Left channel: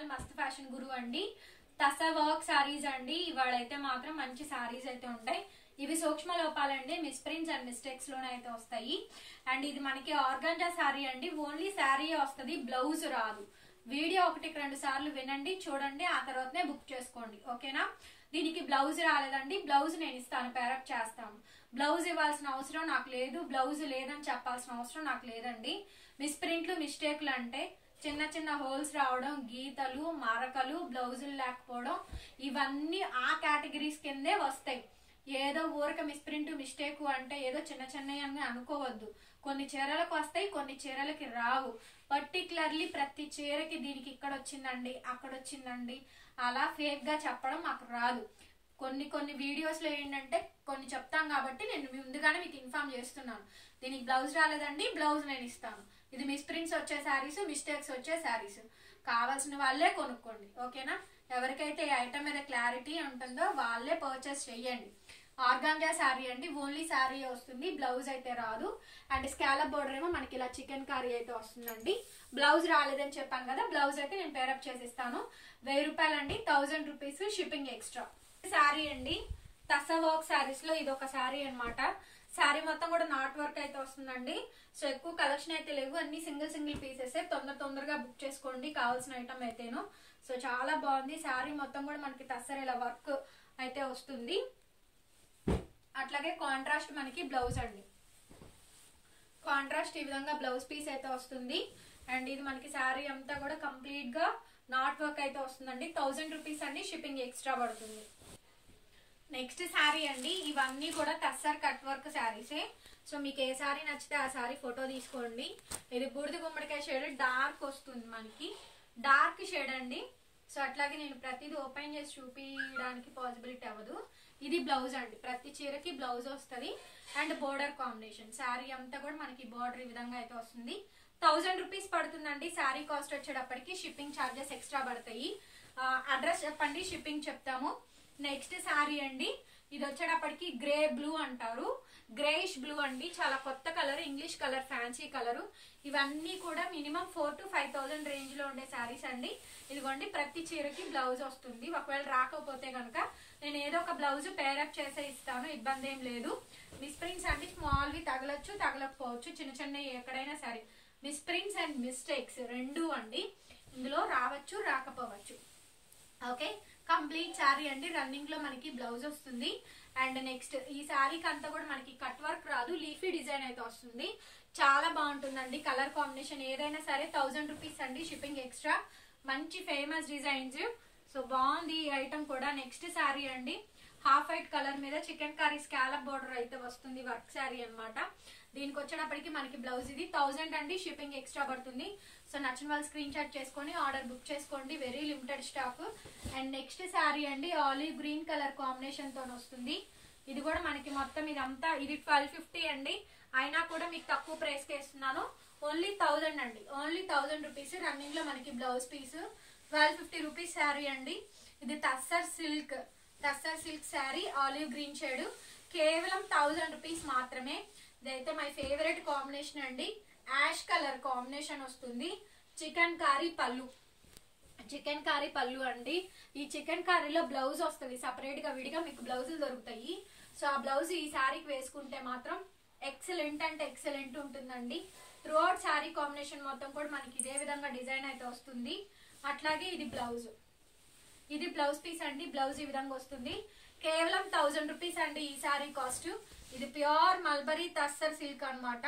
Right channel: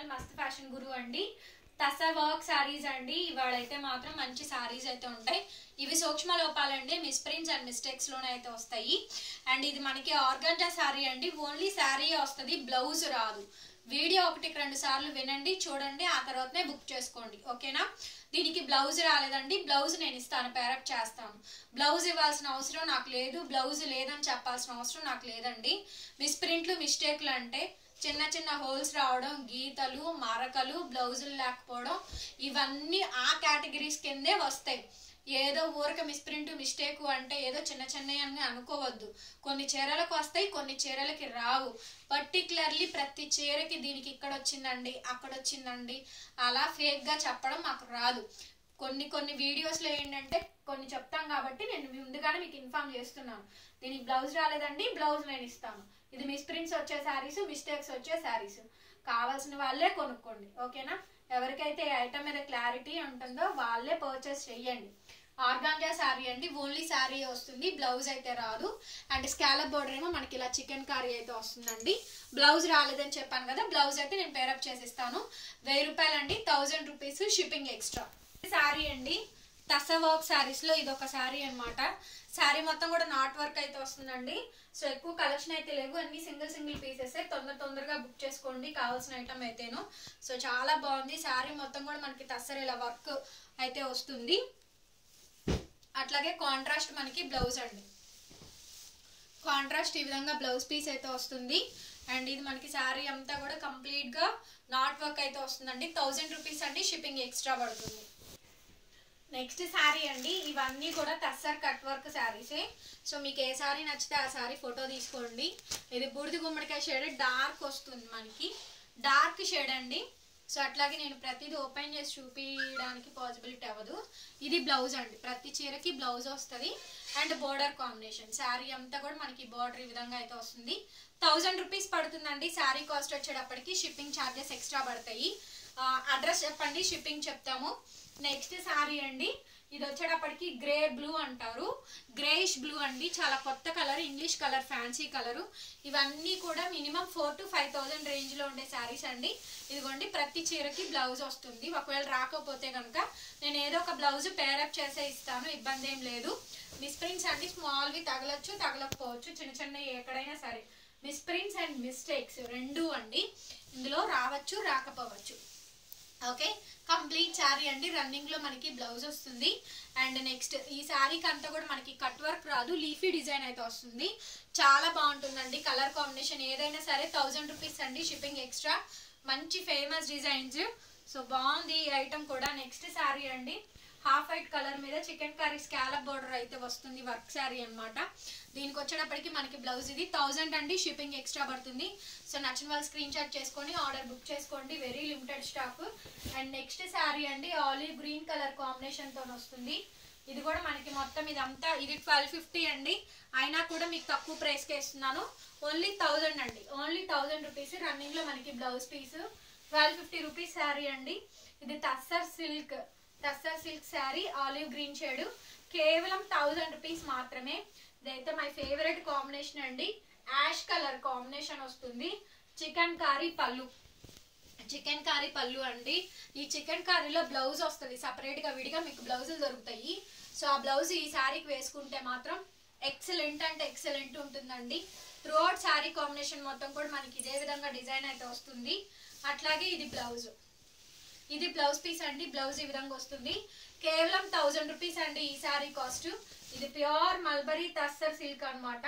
Channel మస్త్ fashion గురు అండి. Tussar work saris అండి. ఇవాళైతే మాత్రం మంచి సారీస్ అయితే ఉంటాయి. ఇవి సూక్ష్మ లోపాలండి, మిస్ప్రింట్స్ అండ్ మిస్టేక్స్ లోనే అయితే వస్తాయి. అండ్ ఇది మనకి ఆర్గాంజా సారీ అండి. ఓన్లీ సారీ వస్తుంది, బ్లౌజ్ రాదు. వీడియో 1-2 సార్లు వినండి, చూడండి, ఆ తర్వాతనే బుక్ చేసుకోండి. ఓకేనా? దీనికి బ్లౌజ్ రాలేదండి. బ్లౌజ్ నేను ఇస్తాను, పేరప్ చేస్తాను. బ్లౌజ్ ఇవ్వాల్సిన అవసరం నాకు లేదు, బ్లౌజ్ లేదని చెప్పాల్సిన అవసరం నాకు లేదండి. మిస్ప్రింట్లు మిస్టేక్లు అంటే చిన్న చిన్న హోల్స్ రావడం, గీతలు, మరకలు, బ్లౌజులు లేకపోవడం, ఇవన్నీ ఆ కేటగిరీస్ కిందే వస్తాయి. ఏదో ఊరక మిస్ప్రింట్ మిస్టేక్ అంటే ఏదో చిన్న చిన్నవి అని అనుకోవద్దు. కొన్ని చీరలకు వస్తాయి, కొన్ని చీరలకి రావు. పర్టికులర్లీ ప్రతి చీరకి దీనికి ఇక్కడ వచ్చిందండి, అక్కడ వచ్చిందండి, అలా ఫేక్గా చెప్పడం మాకు రాదు. కొన్ని వీడియోస్లో ఏంటంటే కొన్ని చెప్తాం కాబట్టి నేను ముందుగానే మీకు ఇన్ఫార్మ్ చేస్తున్నాను. దీనికి బ్లౌజ్ రాలేదండి, బ్లౌజ్ నేను ఇస్తాను. ఇది మిస్ప్రింట్స్ వచ్చే శారీస్, మిస్టేక్స్ వచ్చే శారీస్. కావాల్సిన వాళ్ళే కొనుక్కోండి. ఓకేనా? ఎవరికైతే ఈ ఐటమ్ మీద క్లారిటీ ఉంటుందో వాళ్ళే పర్చేస్ చెయ్యండి. ఆర్గాంజా శారీ అండి. ఓన్లీ శారీ వస్తుంది, బ్లౌజ్ అయితే రాదు. అండ్ స్కాలప్ బోర్డర్ ఏమో మనకి ఇలా చికెన్ కర్రీ అయితే వస్తుందండి. బ్లౌజ్ రాలేదని చెప్పాను కదా, బ్లౌజ్ అయితే నేను పేరప్ చేసిస్తాను. 1000 రూపాయలు అండి, 1000 రూపీస్ షిప్పింగ్ ఎక్స్ట్రా. శారీ అండి, తసా వర్క్ శారీస్ లో ఇది ఒక శారీ అనమాట. శారీ మొత్తం కూడా నాట్ వర్క్ అయితే వస్తుందండి. సో ఎక్కువ కలెక్షన్ అయితే లేవు, అన్ని సింగిల్ పీసెస్. తొందరగా బుక్ చేసుకోండి కావాల్సిన ఐటమ్ అయితేను. సో చాలా బాగుంది శారీ మొత్తం కూడా మనకి తస్సర్ ఇలా వర్క్ అయితే వస్తుంది. అట్లాగే కాంట్రాస్ట్ మనకి బ్లౌజ్ అండి. కాంట్రాస్ట్ ఈ విధంగా బ్లౌజ్ పీస్ అయితే వస్తుంది. అండ్ ఇది మనకి శారీ అంతా కూడా కంప్లీట్ గా నాట్ వర్క్ అయితే వస్తుందండి. 1000 రూపీస్ అండి, షిప్పింగ్ ఎక్స్ట్రా పడుతుంది. నెక్స్ట్ శారీ అండి. ఇవన్నీ కూడా తస్సర్ కట్ వర్క్ శారీసే. సో మీకు ఏ శారీ నచ్చితే ఆ శారీ ఫోటో తీసుకోండి. ఇది బూడిద గుమ్మడికాయ షేడ్, డార్క్ వస్తుంది మనకి, డార్క్ షేడ్ అండి. సో అట్లాగే నేను ప్రతిదీ ఓపెన్ చేసి చూపించడానికి పాసిబిలిటీ అవ్వదు. ఇది బ్లౌజ్ అండి, ప్రతి చీరకి బ్లౌజ్ వస్తుంది. And border combination. శారీ అంతా కూడా మనకి బోర్డర్ ఈ విధంగా అయితే వస్తుంది. 1000 రూపీస్ పడుతుందండి. శారీ కాస్ట్ వచ్చేటప్పటికి షిప్పింగ్ ఛార్జెస్ ఎక్స్ట్రా పడతాయి. అడ్రస్ చెప్పండి, షిప్పింగ్ చెప్తాము. నెక్స్ట్ శారీ అండి. ఇది వచ్చేటప్పటికి గ్రే బ్లూ అంటారు, గ్రేయిష్ బ్లూ అండి. చాలా కొత్త colour, English colour, fancy colour. ఇవన్నీ కూడా మినిమం 4,000 to 5,000 రేంజ్ లో ఉండే శారీస్ అండి. ఇదిగోండి, ప్రతి చీరకి బ్లౌజ్ వస్తుంది. ఒకవేళ రాకపోతే కనుక నేను ఏదో ఒక బ్లౌజ్ పేరప్ చేసే ఇస్తాను, ఇబ్బంది ఏం లేదు. మిస్ప్రింట్స్ అండి, స్మాల్వి తగలచ్చు, తగలకపోవచ్చు, చిన్న చిన్న ఎక్కడైనా సరే. మిస్ప్రింట్స్ అండ్ మిస్టేక్స్ రెండు అండి, ఇందులో రావచ్చు, రాకపోవచ్చు. ఓకే, కంప్లీట్ శారీ అండి. రన్నింగ్ లో మనకి బ్లౌజ్ వస్తుంది. అండ్ నెక్స్ట్ ఈ శారీకి అంతా కూడా మనకి కట్ వర్క్ రాదు, లీఫీ డిజైన్ అయితే వస్తుంది. చాలా బాగుంటుందండి. కలర్ కాంబినేషన్ ఏదైనా సరే 1000 రూపీస్ అండి, షిప్పింగ్ ఎక్స్ట్రా. మంచి ఫేమస్ డిజైన్స్. సో బాగుంది ఈ ఐటమ్ కూడా. నెక్స్ట్ శారీ అండి, హాఫ్ వైట్ కలర్ మీద చికెన్ కర్రీ స్కాలప్ బోర్డర్ అయితే వస్తుంది, వర్క్ శారీ అనమాట. దీనికి వచ్చేటప్పటికి మనకి బ్లౌజ్ ఇది 1000 అండి, షిప్పింగ్ ఎక్స్ట్రా పడుతుంది. సో నచ్చిన వాళ్ళు స్క్రీన్ షాట్ చేసుకొని ఆర్డర్ బుక్ చేసుకోండి, very limited stock. And next sari అండి, ఆలివ్ గ్రీన్ కలర్ కాంబినేషన్ తో వస్తుంది. ఇది కూడా మనకి మొత్తం ఇదంతా ఇది 1250 అండి. అయినా కూడా మీకు తక్కువ ప్రైస్ కి ఇస్తున్నాను. ఓన్లీ 1000 అండి, ఓన్లీ 1000 రూపీస్. రన్నింగ్ లో మనకి బ్లౌజ్ పీస్ 1250 రూపీస్ శారీ అండి. ఇది tussar silk sari, olive green shade, కేవలం 1000 రూపీస్ మాత్రమే. ఇదైతే మై ఫేవరెట్ కాంబినేషన్ అండి. యాష్ కలర్ కాంబినేషన్ వస్తుంది. చికెన్ కారీ పళ్ళు, చికెన్ కారీ పళ్ళు అండి. ఈ చికెన్ కారీలో బ్లౌజ్ వస్తుంది సపరేట్ గా, విడిగా మీకు బ్లౌజులు దొరుకుతాయి. సో ఆ బ్లౌజ్ ఈ శారీకి వేసుకుంటే మాత్రం ఎక్సలెంట్ అంటే ఎక్సలెంట్ ఉంటుందండి. త్రూ అవుట్ శారీ కాంబినేషన్ మొత్తం కూడా మనకి ఇదే విధంగా డిజైన్ అయితే వస్తుంది. అట్లాగే ఇది బ్లౌజ్, ఇది బ్లౌజ్ పీస్ అండి. బ్లౌజ్ ఈ విధంగా వస్తుంది. కేవలం 1000 రూపీస్ అండి ఈ శారీ కాస్ట్. ఇది ప్యూర్ మల్బరీ తస్సర్ సిల్క్ అనమాట.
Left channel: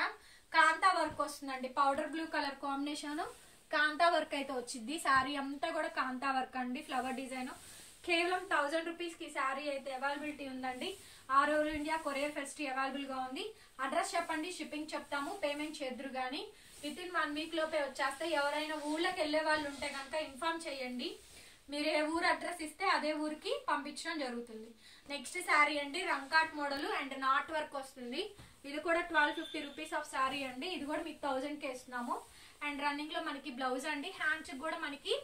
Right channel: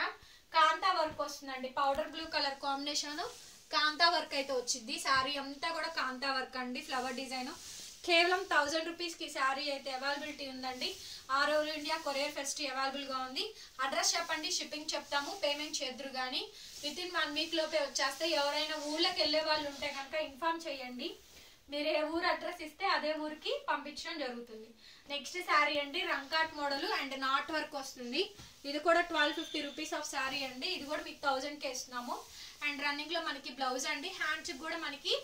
కాంతా వర్క్ వస్తుందండి, పౌడర్ బ్లూ కలర్ కాంబినేషన్, కాంతా వర్క్ అయితే వచ్చింది. శారీ అంతా కూడా కాంతా వర్క్ అండి, ఫ్లవర్ డిజైన్. కేవలం 1000 రూపీస్ కి శారీ అయితే అవైలబిలిటీ ఉందండి. All over India courier facility available గా ఉంది. అడ్రస్ చెప్పండి, షిప్పింగ్ చెప్తాము, పేమెంట్ చేద్దరు కానీ వితిన్ 1 వీక్ లోపే వచ్చేస్తే. ఎవరైనా ఊళ్ళకి వెళ్ళే వాళ్ళు ఉంటే కనుక ఇన్ఫార్మ్ చేయండి. మీరు ఏ ఊరు అడ్రస్ ఇస్తే అదే ఊరికి పంపించడం జరుగుతుంది. నెక్స్ట్ శారీ అండి, రంకాట్ మోడల్ అండ్ నాట్ వర్క్ వస్తుంది. ఇది కూడా 1250 రూపీస్ ఆఫ్ శారీ అండి. ఇది కూడా మీకు 1000 కి ఇస్తున్నాము. అండ్ రన్నింగ్ లో మనకి బ్లౌజ్ అండి. హ్యాండ్స్ కూడా మనకి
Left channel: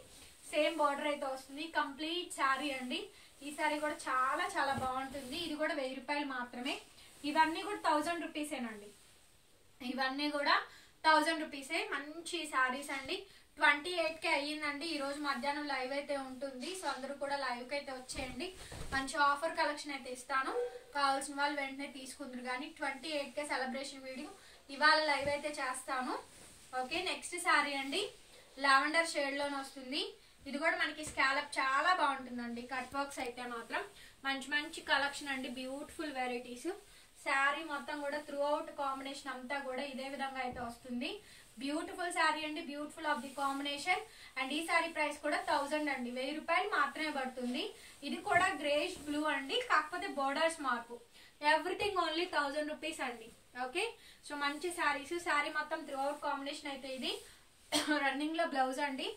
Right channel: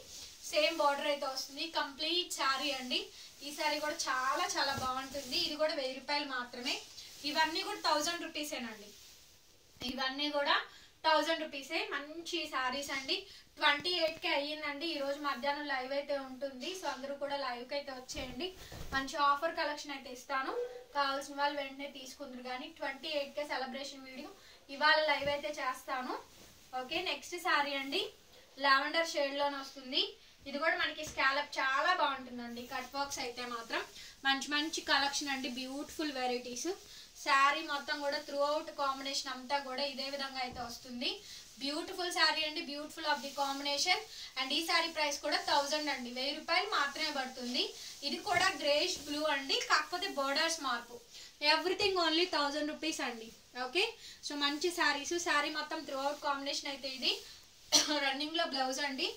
సేమ్ బార్డర్ అయితే వస్తుంది. కంప్లీట్ శారీ అండి. ఈ శారీ కూడా చాలా చాలా బాగుంటుంది. ఇది కూడా 1000 రూపాయలు మాత్రమే. ఇవన్నీ కూడా 1000 రూపీసేనండి. ఇవన్నీ కూడా 1000 రూపీసే. మంచి శారీస్ అండి. 28కే అయ్యిందండి. ఈరోజు మధ్యాహ్నం లైవ్ అయితే ఉంటుంది. సో అందరూ కూడా లైవ్కి అయితే వచ్చేయండి. మంచి ఆఫర్ కలెక్షన్ అయితే ఇస్తాను. కావాల్సిన వాళ్ళు వెంటనే తీసుకుందరు. కానీ 28కే సెలబ్రేషన్ వీడియో ఇవాళ లైవ్ అయితే చేస్తాను. ఓకే, నెక్స్ట్ శారీ అండి లావెండర్ షేడ్లోనే వస్తుంది. ఇది కూడా మనకి స్కాలప్ చాలా బాగుంటుందండి. కట్ వర్క్స్ అయితే మాత్రం మంచి మంచి కలెక్షన్ అండి. Beautiful varieties. శారీ మొత్తం కూడా త్రూ అవుట్ కాంబినేషన్ అంతా కూడా ఇదే విధంగా అయితే వస్తుంది. బ్యూటిఫుల్ శారీ అండి. Beautiful of the combination. And ఈ శారీ ప్రైస్ కూడా 1000 అండి. 1000 రూపాయలు మాత్రమే పడుతుంది. ఇది కూడా గ్రేష్ బ్లూ అండి, కాకపోతే బోర్డర్స్ మార్పు. ఎవ్రీథింగ్ ఓన్లీ 1000 రూపీస్ అండి. ఓకే, సో మంచి శారీస్. శారీ మొత్తం త్రూ అవుట్ కాంబినేషన్ అయితే ఇది రన్నింగ్ లో బ్లౌజ్ అండి.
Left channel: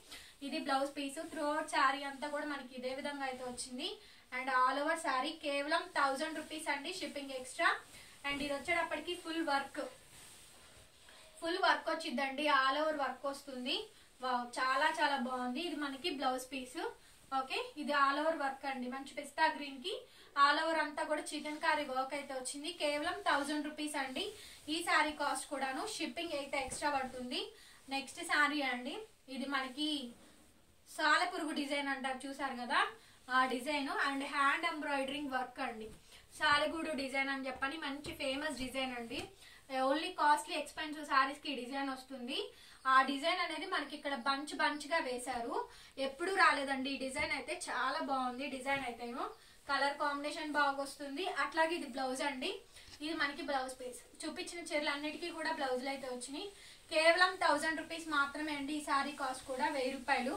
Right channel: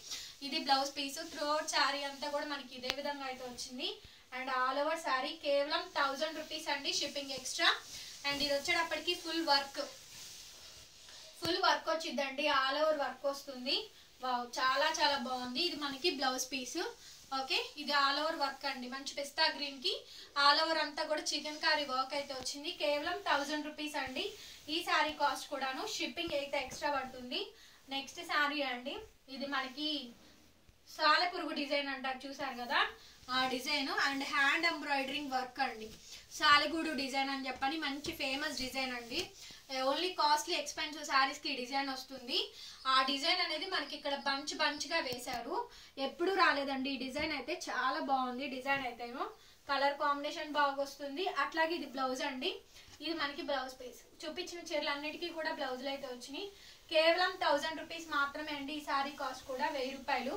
ఇది blouse piece. Throughout sari అంతా కూడా మనకి ఇదే విధంగా అయితే వచ్చింది. అండ్ ఆల్ ఓవర్ శారీ కేవలం 1000 రూపీస్ అండి, షిప్పింగ్ ఎక్స్ట్రా. అండ్ ఇది వచ్చేటప్పటికి ఫుల్ వర్క్ వచ్చిందండి. ఆల్ ఓవర్ వర్క్ వస్తుంది. వావ్, చాలా చాలా బాగుంది. ఇది మనకి బ్లౌజ్ పీస్. ఓకే, ఇది ఆల్ ఓవర్ వర్క్ అండి. మంచి పిస్తా గ్రీన్ కి ఆల్ ఓవర్ అంతా కూడా చికెన్ కారీ వర్క్ అయితే వచ్చింది. కేవలం 1000 రూపీస్ అండి. ఈ శారీ కాస్ట్ కూడాను షిప్పింగ్ అయితే ఎక్స్ట్రా పడుతుంది. నెక్స్ట్ శారీ అండి, ఇది మనకి సాలెపురుగు డిజైన్ అంటారు, చూసారు కదా ఆ design. And hand embroidering work అండి. సాలెగూడు డిజైన్ అని చెప్పని మంచి ఫేమస్ డిజైన్ అండి. ఓన్లీ కాస్ట్లీ ఎక్స్పెన్సివ్ శారీస్ కి ఈ డిజైన్ వస్తుంది. ఆ డిజైన్ అనేది మనకి ఇక్కడ బంచ్ గా వేశారు. ఎప్పుడు రాలేదండి ఈ డిజైన్ అయితే. చాలా బాగుంది డిజైన్ అయితేను. కలర్ కాంబినేషన్ బాగా వస్తుంది. అట్లాగే ఇది బ్లౌజ్ అండి. ఇది మనకి బ్లౌజ్ పీస్. చూపించిన చీరలు అన్నిటికీ కూడా బ్లౌజులు అయితే వచ్చినాయి. కేవలం 1000 రూపీస్ మాత్రమే అండి. ఈ శారీ కాస్ట్ కూడా 1000 రూపాయలు.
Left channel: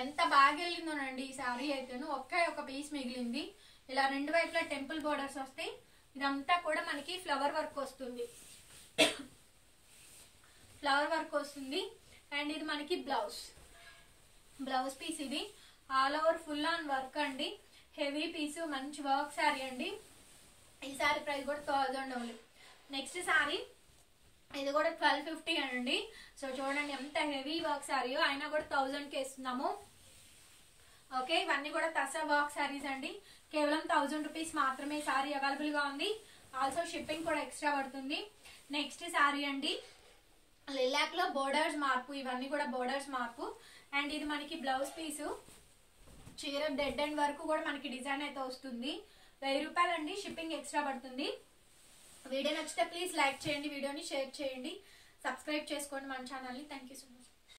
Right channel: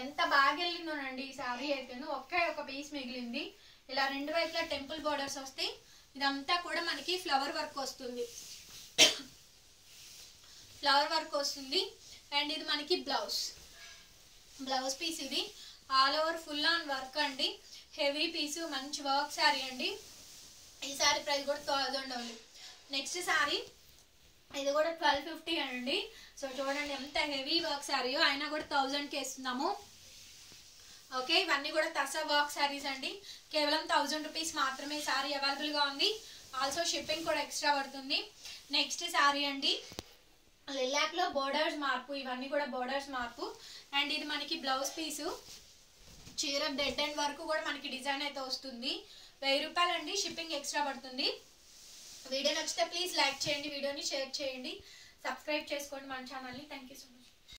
ఎంత బాగా వెళ్ళిందోనండి ఈ శారీ అయితేను. ఒకే ఒక పీస్ మిగిలింది. ఇలా రెండు వైపులా టెంపుల్ బోర్డర్స్ వస్తాయి. ఇదంతా కూడా మనకి ఫ్లవర్ వర్క్ వస్తుంది. అండ్ ఇది మనకి బ్లౌజ్ పీస్. ఇది all over full on work అండి. హెవీ పీసు, మంచి వర్క్ శారీ అండి. ఈ శారీ ప్రైస్ కూడా 1000 ఓన్లీ. నెక్స్ట్ శారీ ఇది కూడా 1250 అండి. సో చూడండి ఎంత హెవీ వర్క్ శారీయో, అయినా కూడా 1000కి ఇస్తున్నాము. ఓకే, ఇవన్నీ కూడా తసా వర్క్ శారీస్ అండి. కేవలం 1000 రూపీస్ మాత్రమే శారీ అవైలబుల్ గా ఉంది. ఆల్సో షిప్పింగ్ కూడా ఎక్స్ట్రా పడుతుంది. నెక్స్ట్ శారీ అండి లిలాక్ లో బోర్డర్స్ మార్పు. ఇవన్నీ కూడా బోర్డర్స్ మార్పు. అండ్ ఇది మనకి బ్లౌజ్ పీసు. చీర డెడ్ ఎండ్ వరకు కూడా మనకి డిజైన్ అయితే వస్తుంది. 1000 రూపాయలు అండి, షిప్పింగ్ ఎక్స్ట్రా పడుతుంది. వీడియో నచ్చితే ప్లీజ్ లైక్ చేయండి, వీడియోని షేర్ చేయండి, సబ్స్క్రైబ్ చేసుకోండి మన ఛానల్ని. Thank you so much.